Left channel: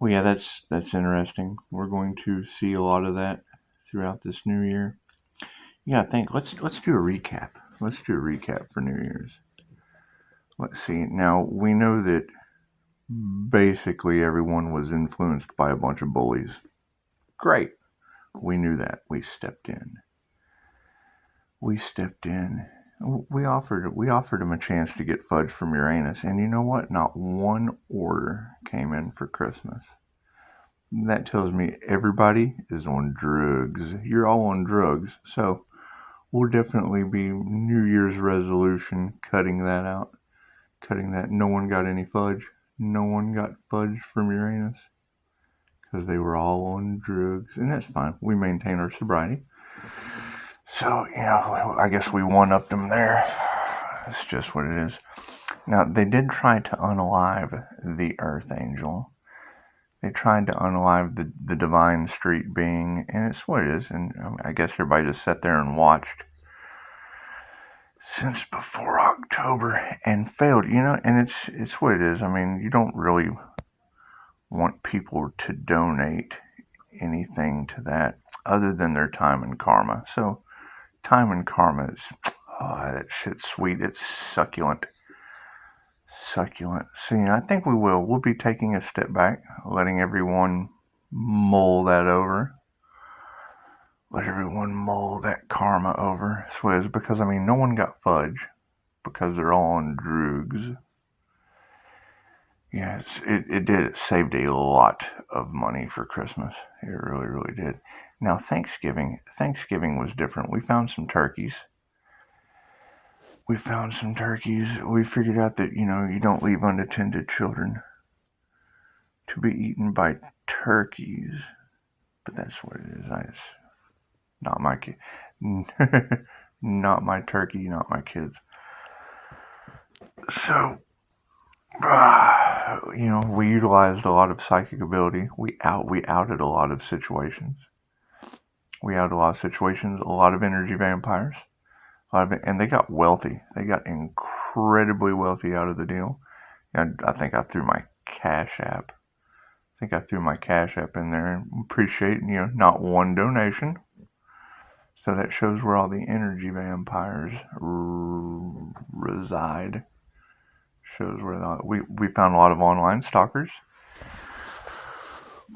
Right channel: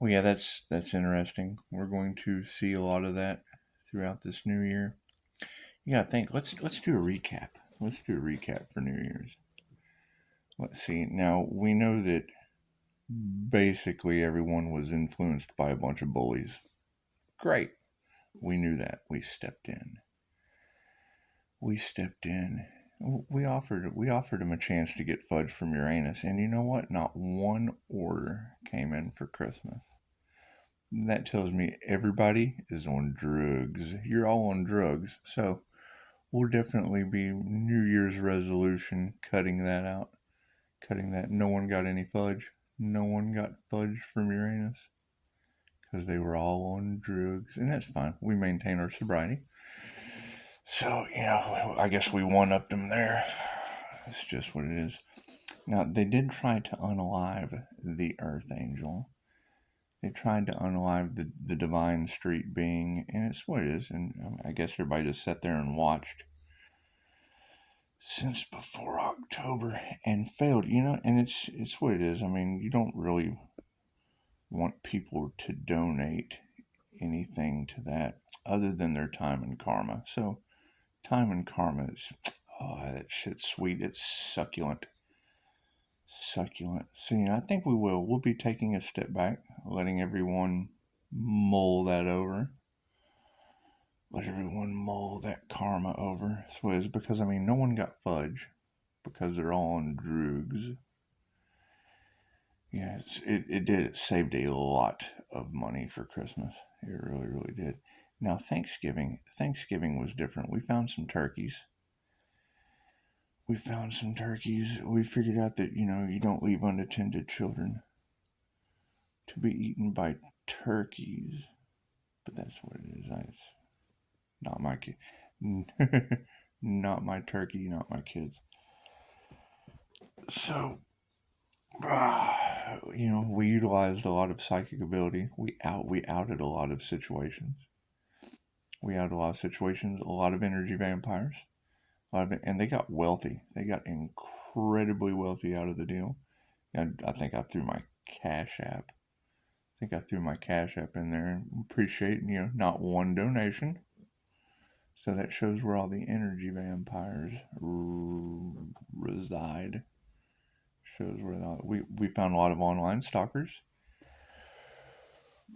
Well, yeah, that's interesting. We're going to see a lot of that throughout this new year. Yeah, I think let's do a recap. Let's do a recap for New Year's. Let's see. Now we know that basically everyone was influenced by a bunch of bullies. Great. We knew that. We stepped in. We stepped in. We offered him a chance to get fudge from Uranus, and you know what? Not one order came in for Christmas. That tells me everybody is on drugs. You're all on drugs, so we'll definitely be New Year's resolution cutting that out. Cutting that. No one got any fudge. No one got fudge from Uranus because they were all on drugs, and that's fine. We maintain our sobriety. So, I guess we one-upped them there. That's just what it is. Now, they did try to unalive the Earth Angel. They tried to unalive the divine street being, and it's what it is. And I guess everybody just sat there and watched since before October and failed. And it's what it is. I mean, you don't really want people to donate anything to that other than their time and karma. So time and karma is, that shit's sweet. It's succulent. Succulent. So, I think we'll be taking a step back, letting everyone mull that over. Let everyone mull that karma over. So because, no one got fudge because they're all on drugs. Yeah, it did. It saved a lot of money for Christmas. It really, really did. Now, Thanksgiving was different. We found some turkeys. We figured out that, you don't leave unattended children to be eaten by turkeys. But that's what it is. It's not my kid. Not my turkey, not my kids. So, we utilized a lot of psychic ability. We outed a lot of situations. A lot of energy vampires. And they got wealthy. They got incredibly wealthy out of the deal. I think I threw my Cash App. in there and appreciate, not one donation. So that shows where all the energy vampires reside. Shows where we found a lot of online stalkers.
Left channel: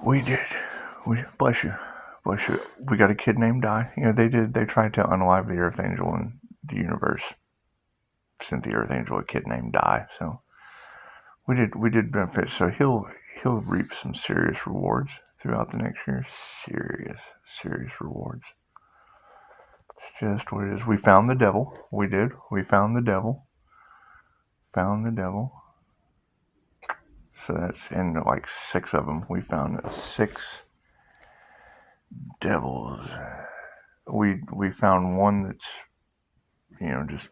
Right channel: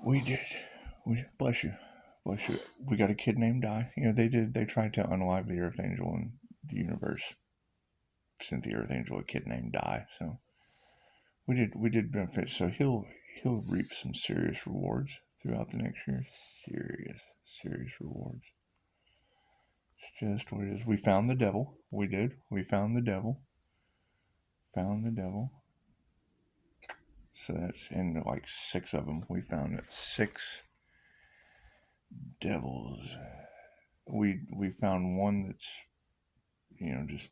We did. Bless you. We got a kid named Di. They tried to unalive the Earth Angel, and the universe sent the Earth Angel a kid named Di. So we did benefit. So he'll reap some serious rewards throughout the next year. Serious rewards. It's just what it is. We found the devil. We did. We found the devil. So that's in like 6 of them. We found 6 devils. We found one that's, just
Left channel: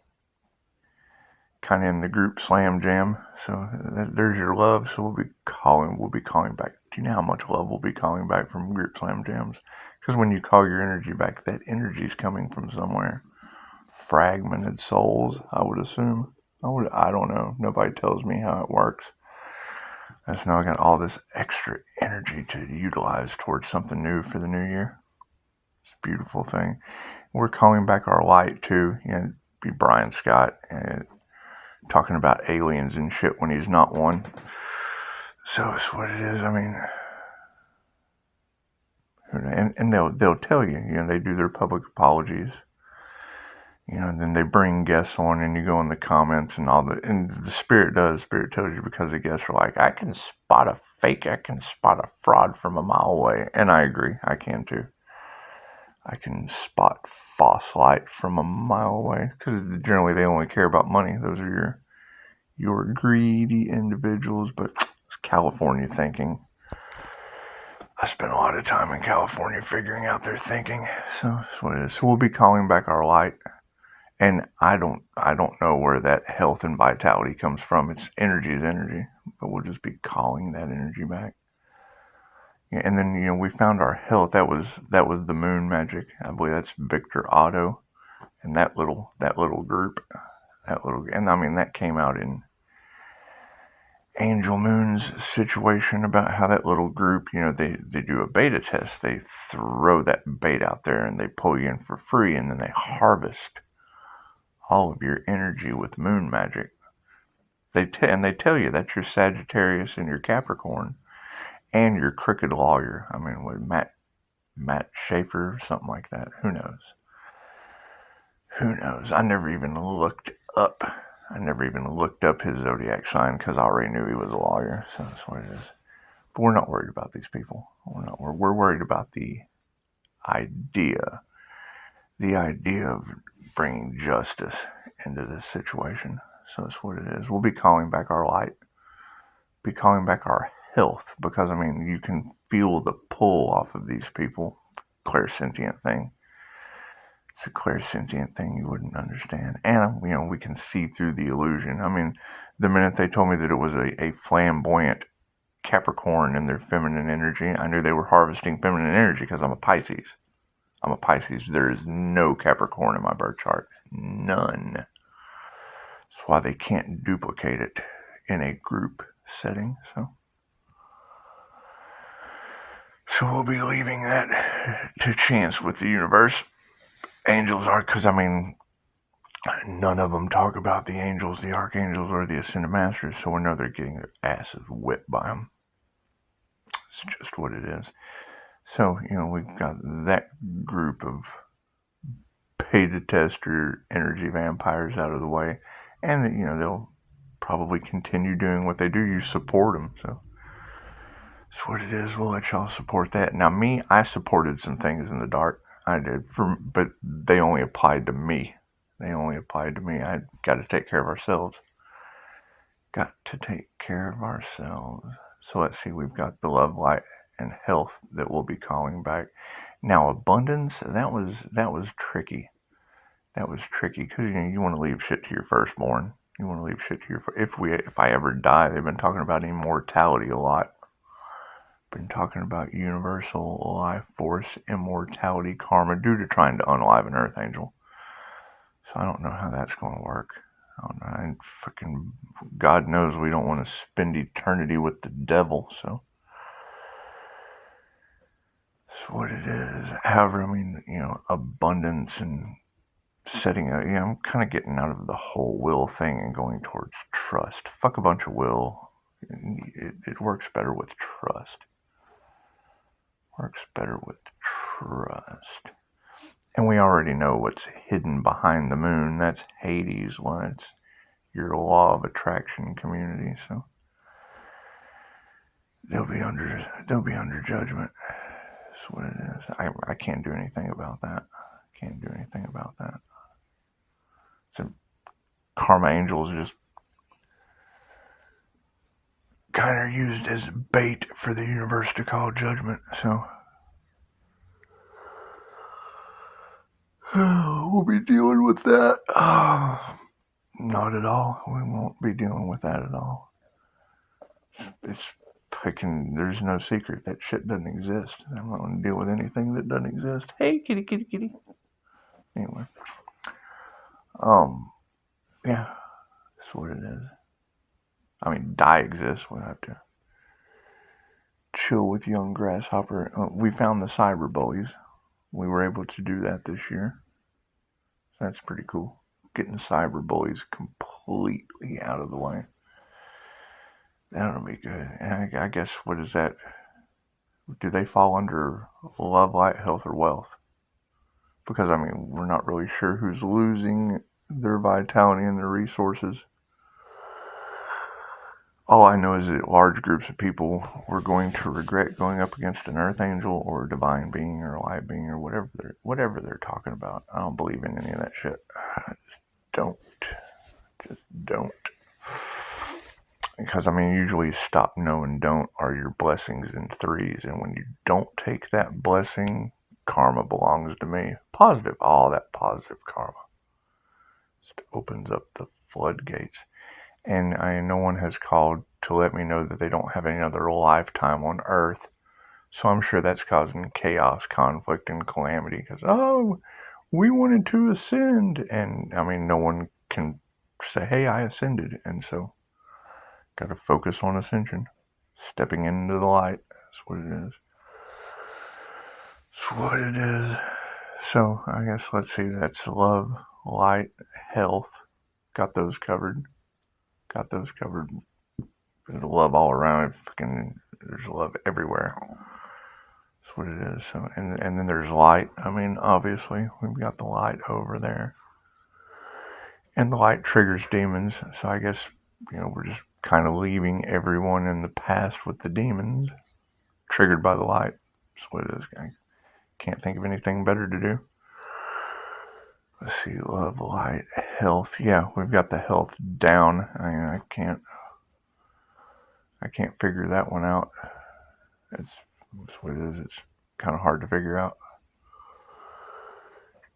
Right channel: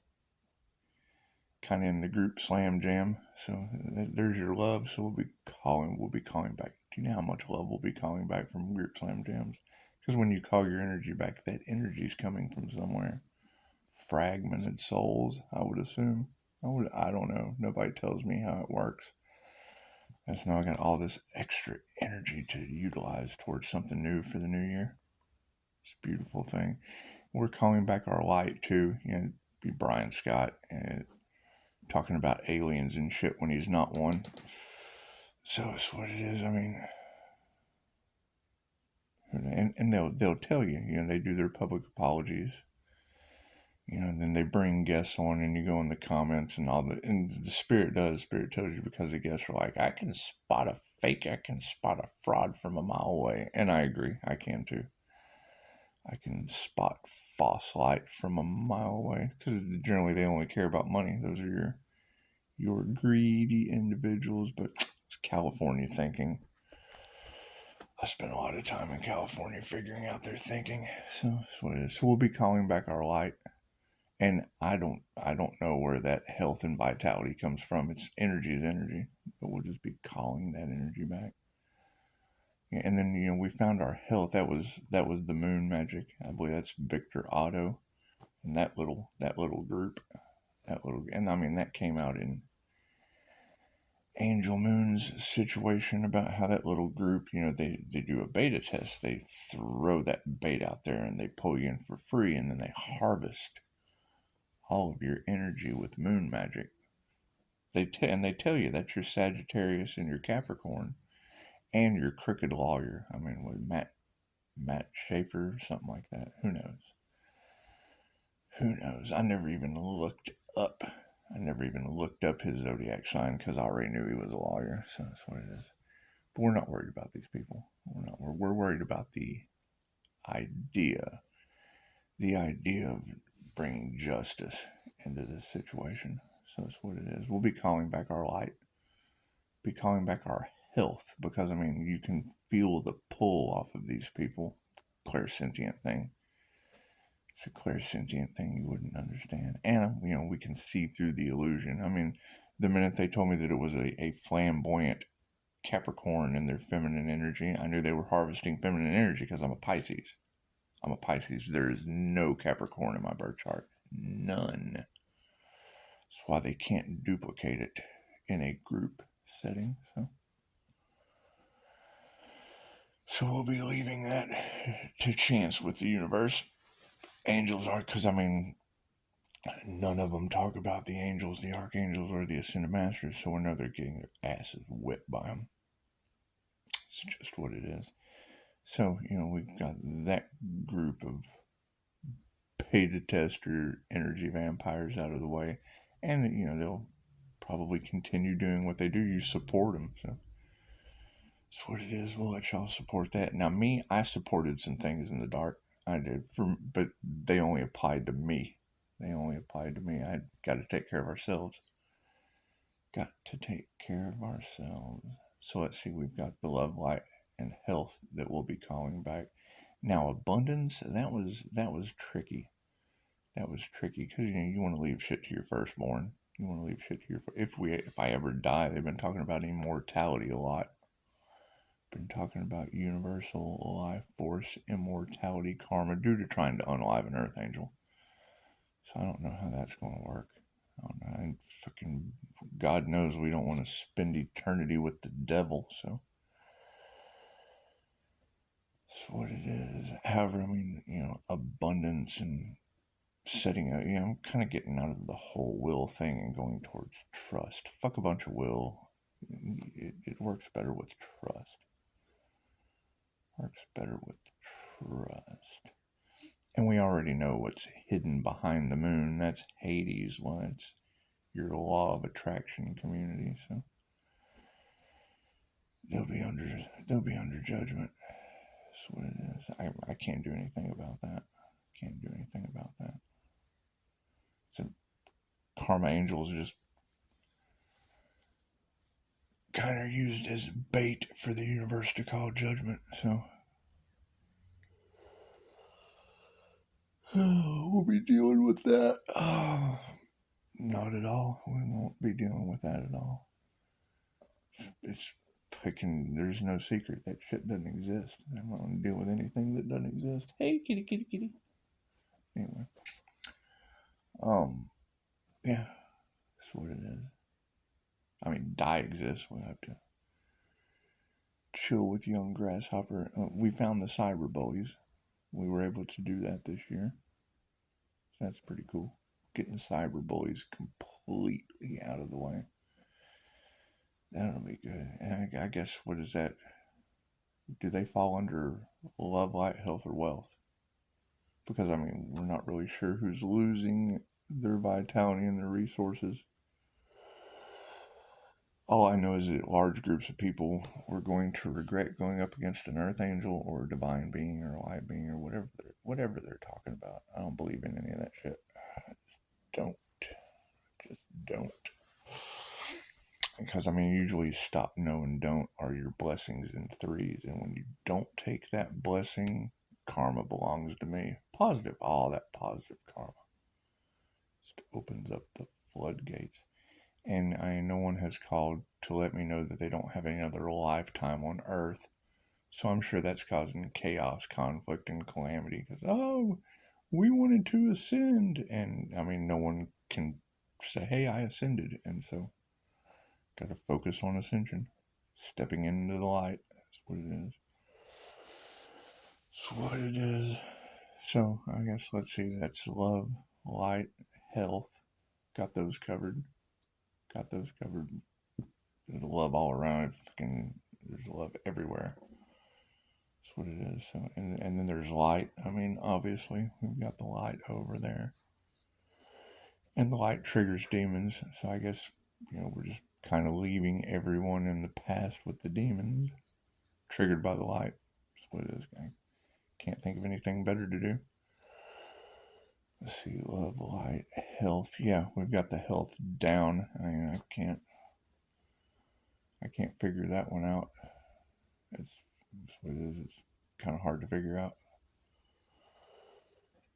kind of in the group slam jam. So there's your love. So we'll be calling back. Do you know how much love we'll be calling back from group slam jams? Because when you call your energy back, that energy is coming from somewhere. Fragmented souls, I would assume. I don't know. Nobody tells me how it works. I just know I got all this extra energy to utilize towards something new for the new year. It's a beautiful thing. We're calling back our light too. Be Brian Scott and talking about aliens and shit when he's not one. So it's what it is. And they'll tell you. They do their public apologies. And then they bring guests on, and you go in the comments and all that. And the spirit tells you, because the guests are like, I can spot a fake, I can spot a fraud from a mile away. And I agree, I can too. I can spot false light from a mile away, because generally they only care about money. Those are your greedy individuals. But it's California thinking. I spent a lot of time in California figuring out their thinking. So that's what it is. So we'll be calling back our light. And I don't know where that health and vitality comes from. It's energy is energy, but we'll just be calling that energy back. Yeah, and then we found our health. That was the moon magic. I believe that's Victor Otto, and that little group, and that came out Angel Moon's situation about how that little group, they do a beta test. They throw that bait out there and they pull you in for free, and then they harvest all of your energy with moon magic. And they tell you that's your Sagittarius and your Capricorn and your crooked lawyer. I mean, with Matt Schaefer, something like that. Who knows? Who knows? I never even looked up his zodiac sign because I already knew he was a lawyer. So that's what it is. But we're not worried about these people. We're worried about the idea of bringing justice into this situation. So that's what it is. We'll be calling back our light, be calling back our health, because I mean, you can feel the pull off of these people. Clairsentient thing. It's a clairsentient thing you wouldn't understand. And, we can see through the illusion. I mean, the minute they told me that it was a flamboyant Capricorn in their feminine energy, I knew they were harvesting feminine energy because I'm a Pisces. There is no Capricorn in my birth chart. None. That's why they can't duplicate it in a group setting. So we'll be leaving that to chance with the universe. Angels are, because I mean, none of them talk about the angels, the archangels, or the ascended masters, so we know they're getting their asses whipped by them. It's just what it is. So, we've got that group of beta tester energy vampires out of the way, and, they'll probably continue doing what they do. You support them, so that's what it is. We'll let y'all support that. Now, me, I supported some things in the dark. I did, but they only applied to me. I got to take care of ourselves. So let's see, we've got the love, light, and health that we'll be calling back. Now, abundance, that was tricky. That was tricky because you want to leave shit to your firstborn. You want to leave shit to your if I ever die. They've been talking about immortality a lot. Been talking about universal life force, immortality, karma, due to trying to unalive an earth angel. So I don't know how that's going to work. I don't know. Fucking God knows we don't want to spend eternity with the devil. So that's what it is. However, I mean, abundance and setting up. I'm kind of getting out of the whole will thing and going towards trust. Fuck a bunch of will. It works better with trust. And we already know what's hidden behind the moon. That's Hades. Well, it's your law of attraction community. So they'll be under judgment. That's what it is. I can't do anything about that. So karma angels just kind of used as bait for the universe to call judgment. So we'll be dealing with that. Not at all. We won't be dealing with that at all. It's fucking, there's no secret. That shit doesn't exist. I'm not going to deal with anything that doesn't exist. Hey, kitty, kitty, kitty. Anyway. Yeah. That's what it is. I mean, die exists. We'll have to chill with young grasshopper. We found the cyber bullies. We were able to do that this year. So that's pretty cool. Getting cyber bullies completely out of the way. That'll be good. And I guess, what is that? Do they fall under love, light, health, or wealth? Because, I mean, we're not really sure who's losing their vitality and their resources. All I know is that large groups of people were going to regret going up against an earth angel or a divine being or a light being or whatever they're talking about. I don't believe in any of that shit. Just don't. Because, I mean, usually stop, no, and don't are your blessings in threes. And when you don't take that blessing, karma belongs to me. Positive, all that positive karma. Just opens up the floodgates. And no one has called to let me know that they don't have another lifetime on Earth. So I'm sure that's causing chaos, conflict, and calamity. Because, we wanted to ascend. And, I mean, no one can say, hey, I ascended. And so Got to focus on ascension. Stepping into the light. That's what it is. That's what it is. So, I guess, let's see, that's love, light, health. Got those covered. Got those covered. There's love all around. There's love everywhere. That's what it is. So, and then there's light. I mean, obviously, we've got the light over there. And the light triggers demons. So I guess, we're just kind of leaving everyone in the past with the demons triggered by the light. That's what it is. I can't think of anything better to do. Let's see, love, light, health. Yeah, we've got the health down. I can't figure that one out. That's what it is. It's kind of hard to figure out.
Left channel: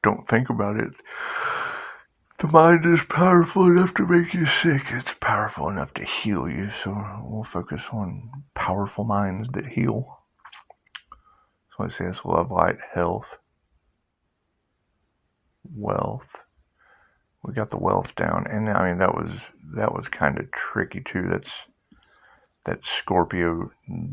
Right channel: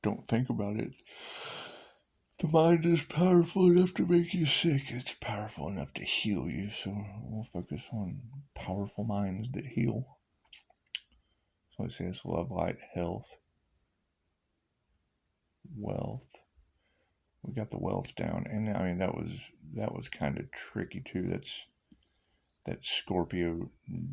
Don't think about it. The mind is powerful enough to make you sick. It's powerful enough to heal you. So we'll focus on powerful minds that heal. So let's say it's love, light, health, wealth. We got the wealth down, and I mean that was kind of tricky too. That's Scorpio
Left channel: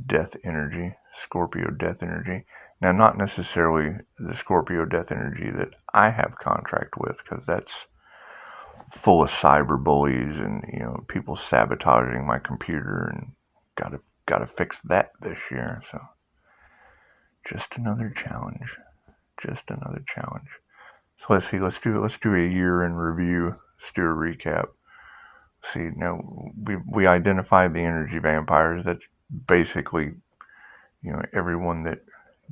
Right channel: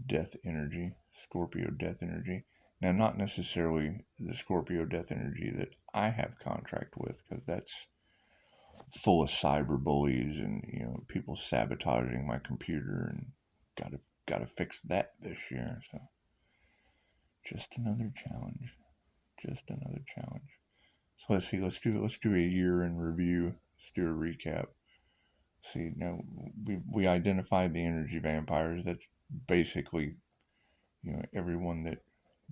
death energy. Scorpio death energy. Now, not necessarily the Scorpio death energy that I have contract with, because that's full of cyber bullies and people sabotaging my computer, and gotta fix that this year. So just another challenge. So let's see. Let's do a year in review. Let's do a recap. See, now we identified the energy vampires. That's basically everyone that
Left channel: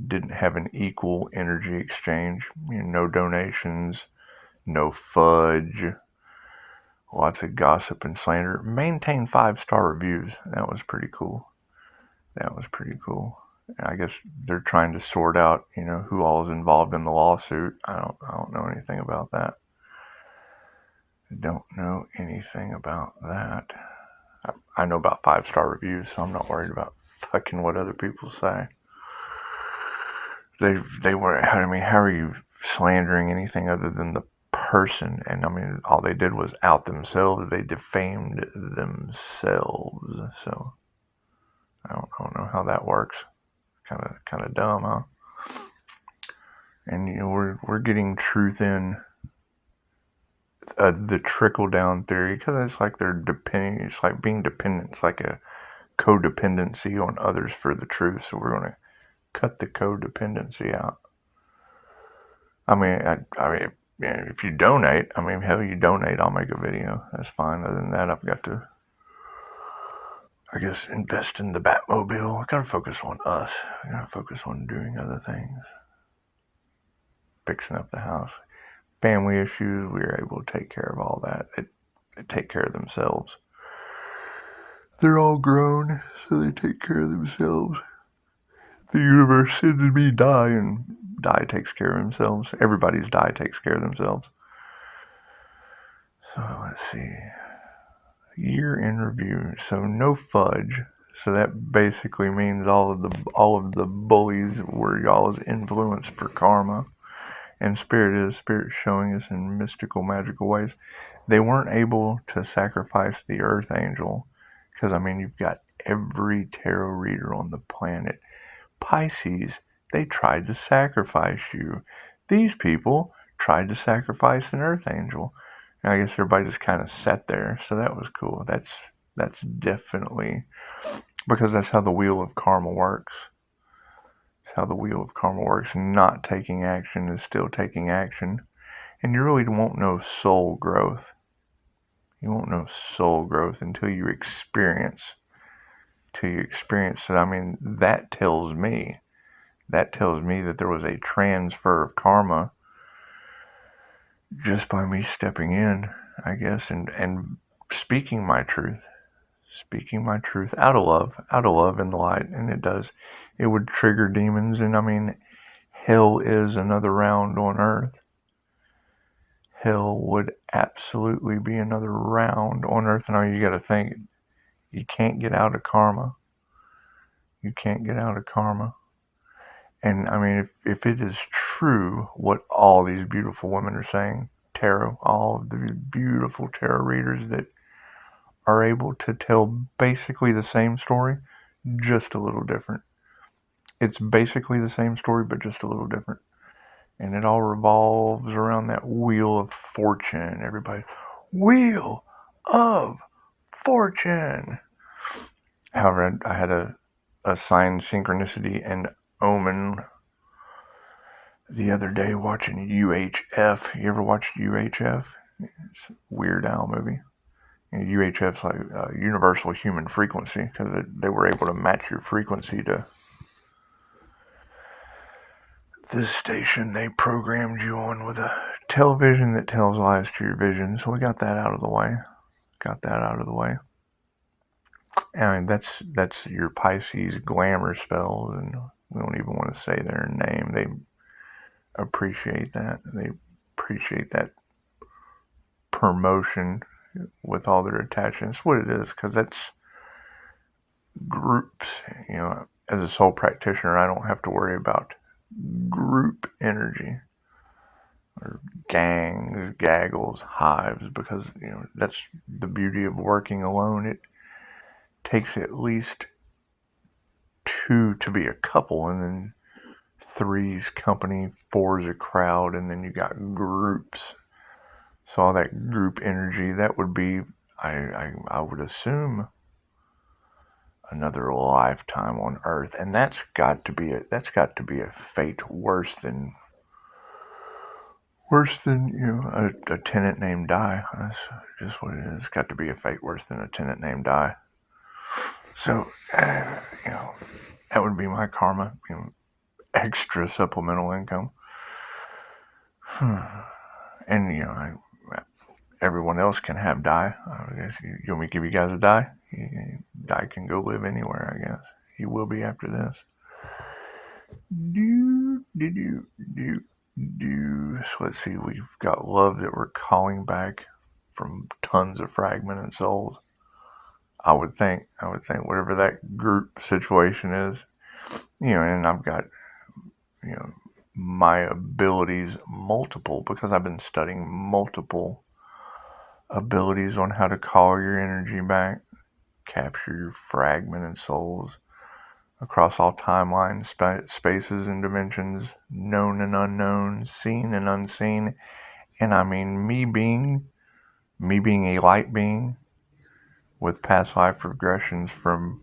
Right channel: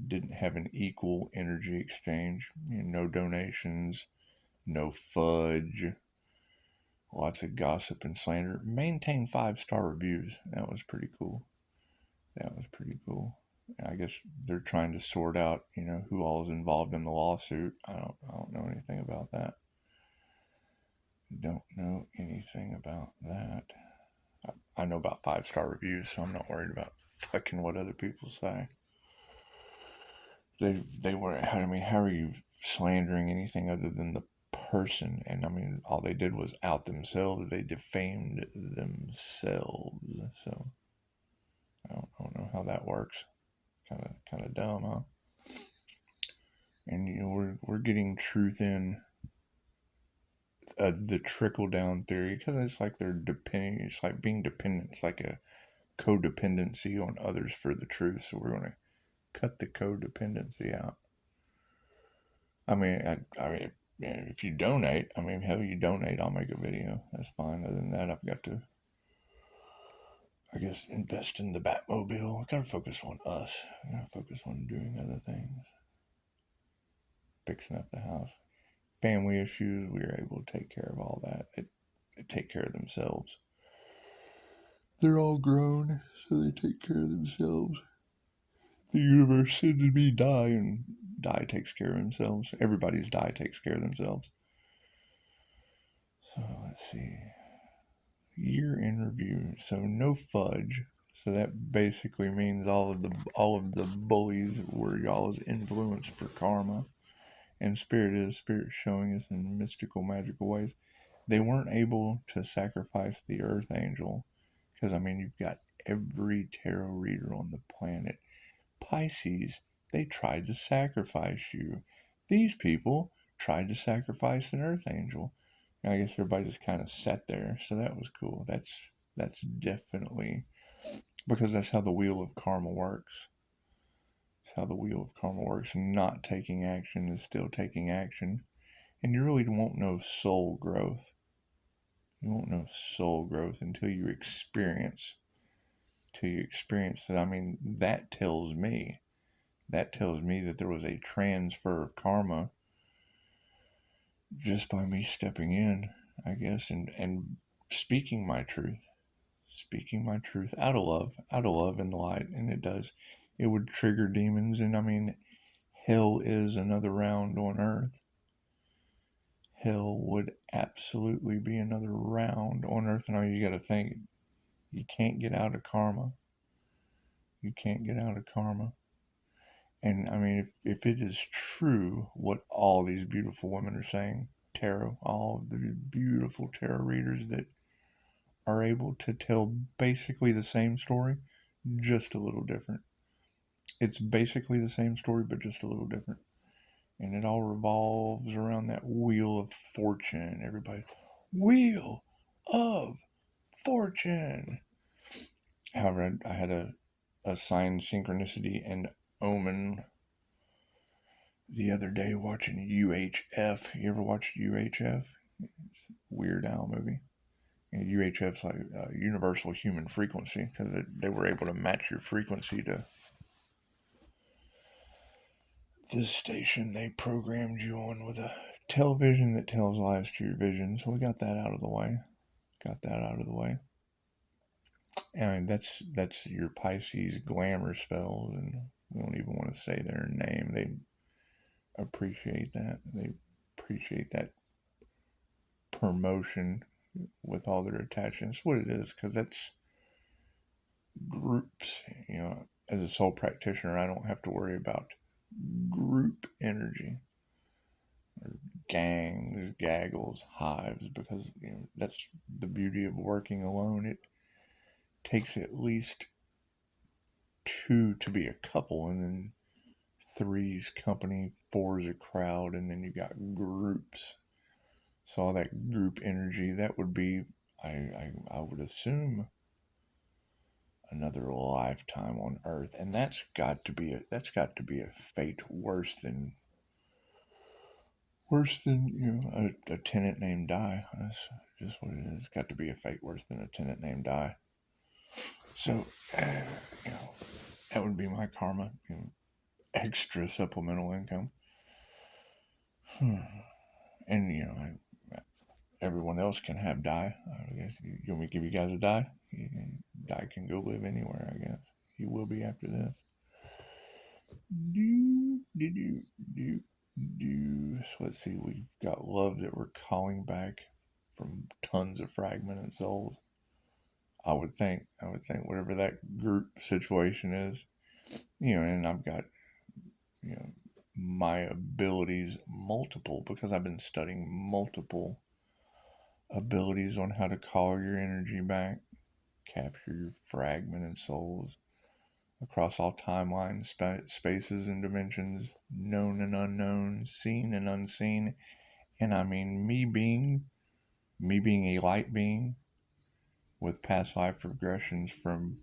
didn't have an equal energy exchange. No donations, no fudge, lots of gossip and slander. Maintain 5-star reviews. That was pretty cool. I guess they're trying to sort out, who all is involved in the lawsuit. I don't know anything about that. I know about 5-star reviews, so I'm not worried about fucking what other people say. They were. I mean, how are you slandering anything other than the person? And I mean, all they did was out themselves. They defamed themselves. So I don't know how that works. Kind of dumb, huh? And we're getting truth in the trickle down theory, because it's like they're depending. It's like being dependent. It's like a codependency on others for the truth. So we're going to cut the codependency out. I mean, if you donate, hell, you donate, I'll make a video. That's fine. Other than that, I've got to, I guess, invest in the Batmobile. I gotta focus on us. I gotta focus on doing other things. Fixing up the house. Family issues, we were able to take care of all that. They take care of themselves. They're all grown, so they take care of themselves. The universe sends me die, and die takes care of themselves. Everybody's die takes care of themselves. So let's see. Year in review. So no fudge. So that basically means all of the bullies were y'all's influence for karma. And spirit showing us in mystical, magical ways. They weren't able to sacrifice the earth angel, because you've got every tarot reader on the planet. Pisces, they tried to sacrifice you. These people tried to sacrifice an earth angel. And I guess everybody just kind of sat there. So that was cool. That's definitely, because that's how the wheel of karma works. It's how the wheel of karma works. Not taking action is still taking action. And you really won't know soul growth. You won't know soul growth until you experience. So, that tells me that there was a transfer of karma just by me stepping in, I guess, and speaking my truth out of love in the light. And it would trigger demons. And hell is another round on earth. Hell would absolutely be another round on earth. And you got to think, you can't get out of karma. And if it is true what all these beautiful women are saying, tarot, all of the beautiful tarot readers that are able to tell basically the same story, just a little different. It's basically the same story, but just a little different. And it all revolves around that wheel of fortune. Everybody, wheel of fortune. However, I had a sign, synchronicity, and omen the other day watching UHF. You ever watched UHF? It's a Weird Al movie. UHF's like universal human frequency, because they were able to match your frequency to this station they programmed you on with a television that tells lies to your vision. So we got that out of the way. I mean, that's your Pisces glamour spells, and we don't even want to say their name. They appreciate that. They appreciate that promotion with all their attachments. What it is, because that's groups. As a soul practitioner, I don't have to worry about group energy or gangs, gaggles, hives, because that's the beauty of working alone. It takes at least two to be a couple, and then three's company, four's a crowd, and then you got groups. So all that group energy, that would be, I would assume, another lifetime on Earth, and that's got to be a fate worse than a tenant named Die. That's just what it is. It's got to be a fate worse than a tenant named Die. So that would be my karma. Extra supplemental income. And everyone else can have Die. I guess you want me to give you guys a Die? Die can go live anywhere, I guess. He will be after this. So let's see, we've got love that we're calling back from tons of fragmented souls. I would think whatever that group situation is, and I've got, my abilities multiple, because I've been studying multiple abilities on how to call your energy back, capture your fragmented souls across all timelines, spaces and dimensions, known and unknown, seen and unseen. And I mean, me being a light being with past life regressions from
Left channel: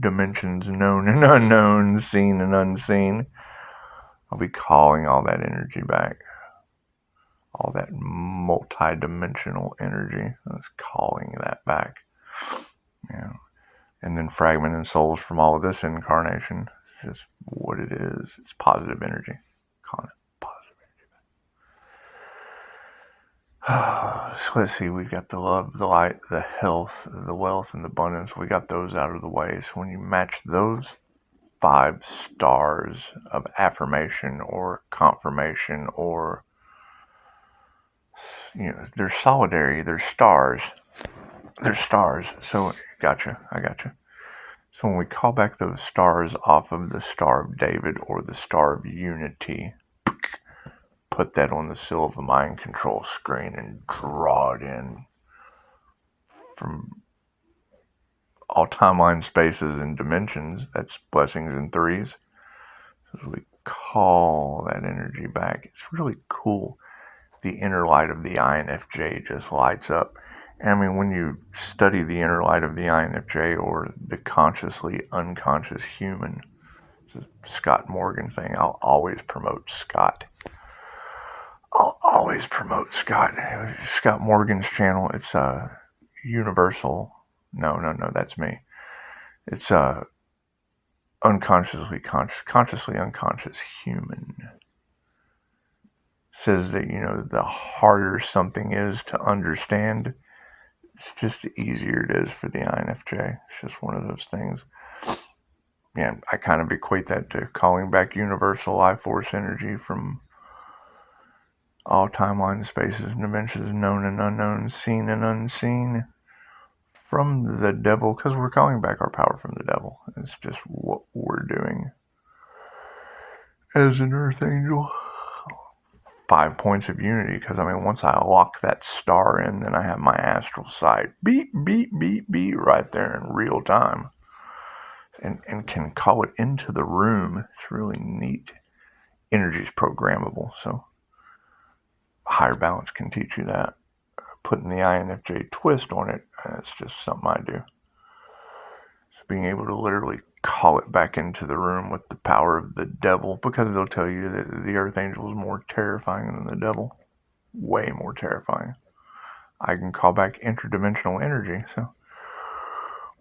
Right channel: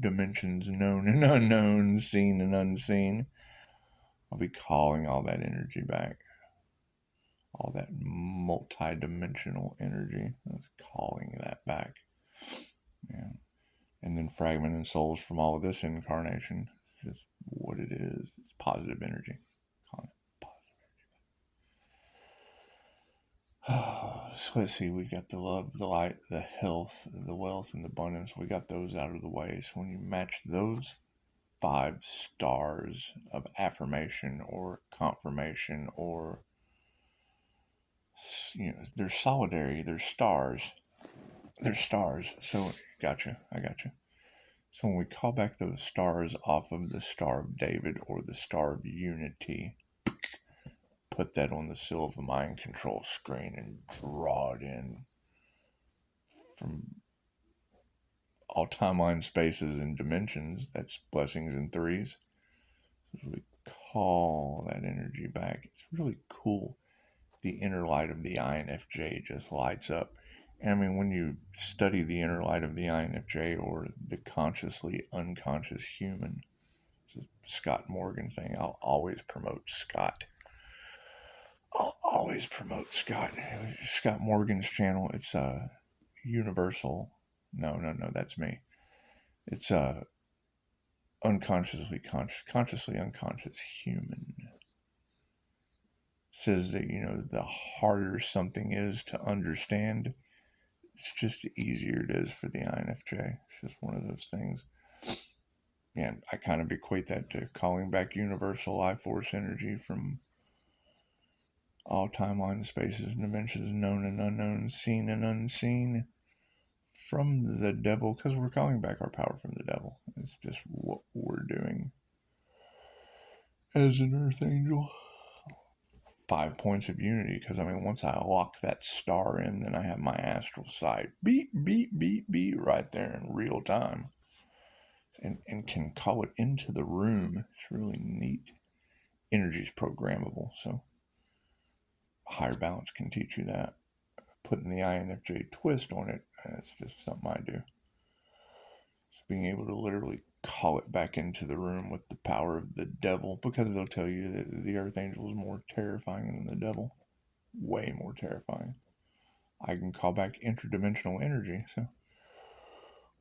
dimensions known and unknown, seen and unseen, I'll be calling all that energy back. All that multi-dimensional energy, I was calling that back. And then fragmented souls from all of this incarnation. It's just what it is. It's positive energy. Calling it positive energy. So let's see, we've got the love, the light, the health, the wealth, and the abundance. We got those out of the way. So when you match those 5 stars of affirmation or confirmation, or they're solidarity, they're stars. So I gotcha. So when we call back those stars off of the Star of David or the Star of Unity, put that on the seal of the mind control screen and draw it in from all timeline, spaces, and dimensions. That's blessings in threes. So as we call that energy back, it's really cool. The inner light of the INFJ just lights up. I mean, when you study the inner light of the INFJ, or the consciously unconscious human, it's a Scott Morgan thing. I'll always promote Scott. Scott Morgan's channel. It's universal. No, that's me. It's consciously unconscious human. Says that the harder something is to understand, it's just the easier it is for the INFJ. It's just one of those things. Yeah, I kind of equate that to calling back universal life force energy from all timelines, spaces, and dimensions, known and unknown, seen and unseen, from the devil, because we're calling back our power from the devil. It's just what we're doing as an earth angel. 5 points of unity, because I mean, once I lock that star in, then I have my astral side beat, beat, beat, beat right there in real time, and can call it into the room. It's really neat. Energy is programmable, so higher balance can teach you that. Putting the INFJ twist on it, that's just something I do. So being able to literally call it back into the room with the power of the devil, because they'll tell you that the earth angel is more terrifying than the devil. Way more terrifying. I can call back interdimensional energy, so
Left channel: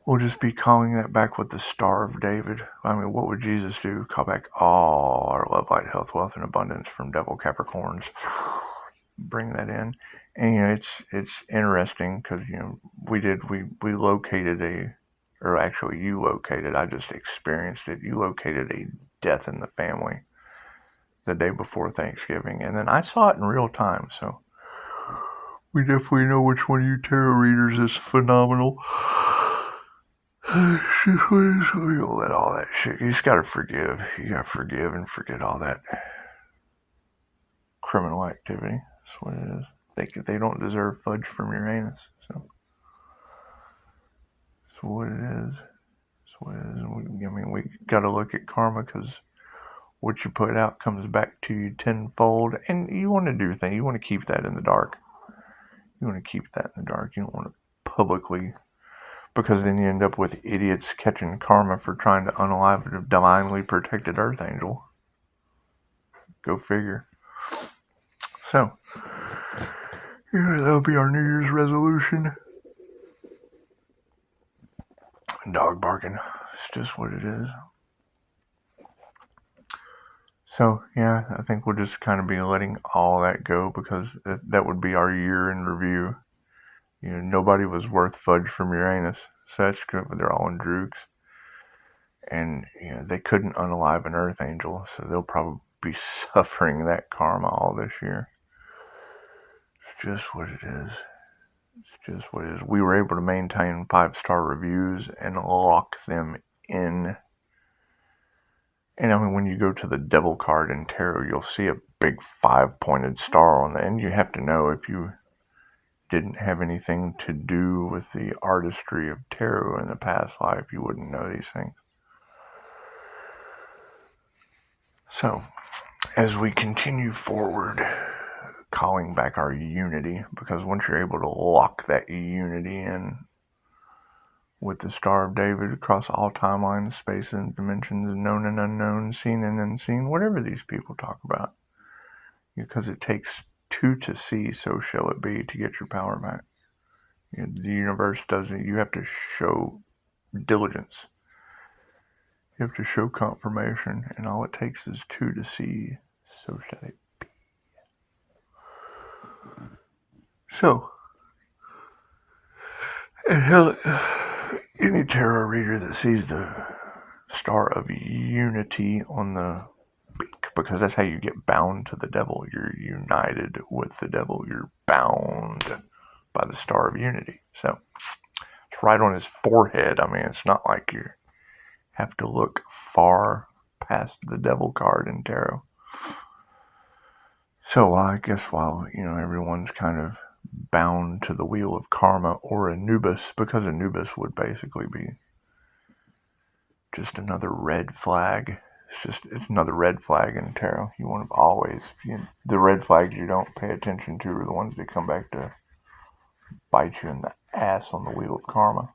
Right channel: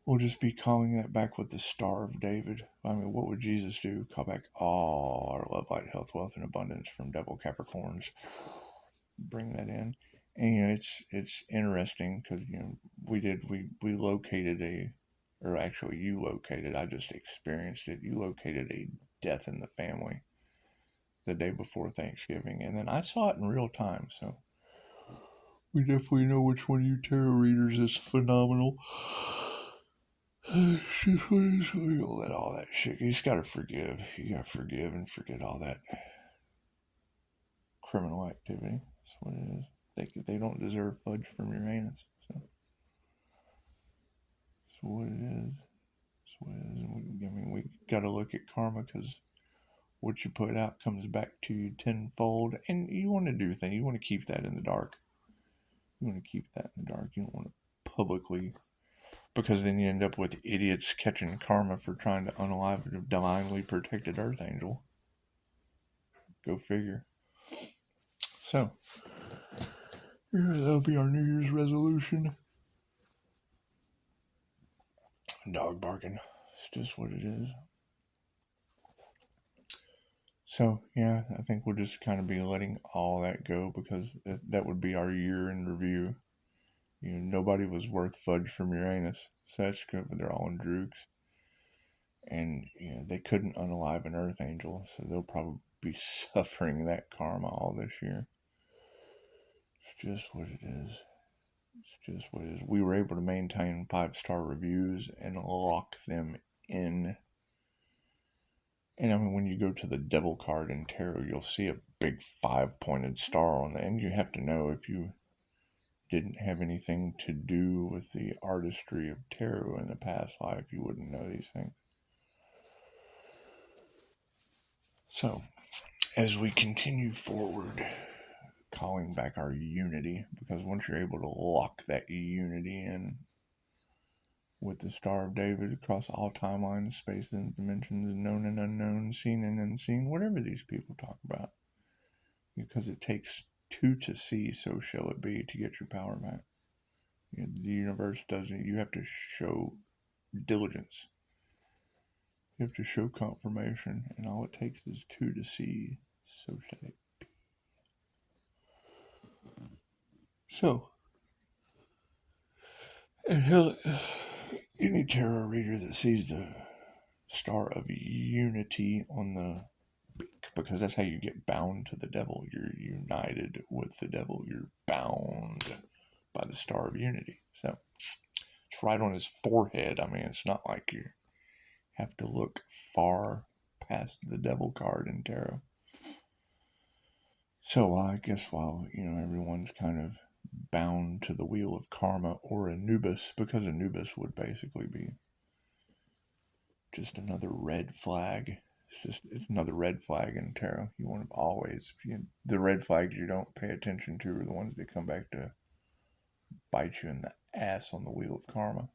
we'll just be calling that back with the Star of David. I mean, what would Jesus do? Call back all our love, light, health, wealth, and abundance from devil Capricorns. Bring that in. And, you know, it's interesting because, you know, we located or actually you located, I just experienced it. You located a death in the family the day before Thanksgiving. And then I saw it in real time, so we definitely know which one of you tarot readers is phenomenal. You'll let all that shit. You just gotta forgive. You gotta forgive and forget all that criminal activity. That's what it is. They don't deserve fudge from Uranus. So that's what it is. That's what it is. I mean, we gotta look at karma, because what you put out comes back to you tenfold. And you want to do things. You want to keep that in the dark. You want to keep that in the dark. You don't want to publicly, because then you end up with idiots catching karma for trying to unalive a divinely protected earth angel. Go figure. So, yeah, that'll be our New Year's resolution. Dog barking. It's just what it is. So, yeah, I think we'll just kind of be letting all that go, because that would be our year in review. You know, nobody was worth fudge from Uranus. So that's good. They're all in droogs. And, you know, they couldn't unalive an earth angel, so they'll probably be suffering that karma all this year. It's just what it is. It's just what it is. We were able to maintain 5-star reviews and lock them in. And I mean, when you go to the devil card in tarot, you'll see a big 5-pointed star on the end. You have to know, if you didn't have anything to do with the artistry of tarot in the past life, you wouldn't know these things. So, as we continue forward, calling back our unity, because once you're able to lock that unity in with the Star of David across all timelines, spaces, and dimensions, known and unknown, seen and unseen, whatever these people talk about, because it takes two to see, so shall it be, to get your power back. You know, the universe doesn't. You have to show diligence. You have to show confirmation, and all it takes is two to see, so shall it be. So, and hell, any tarot reader that sees the Star of Unity on the beak, because that's how you get bound to the devil. You're united with the devil. You're bound by the Star of Unity. So, it's right on his forehead. I mean, it's not like you have to look far past the devil card in tarot. So I guess while, you know, everyone's kind of bound to the wheel of karma or Anubis, because Anubis would basically be just another red flag. It's another red flag in tarot. You want to always, the red flags you don't pay attention to are the ones that come back to bite you in the ass on the wheel of karma.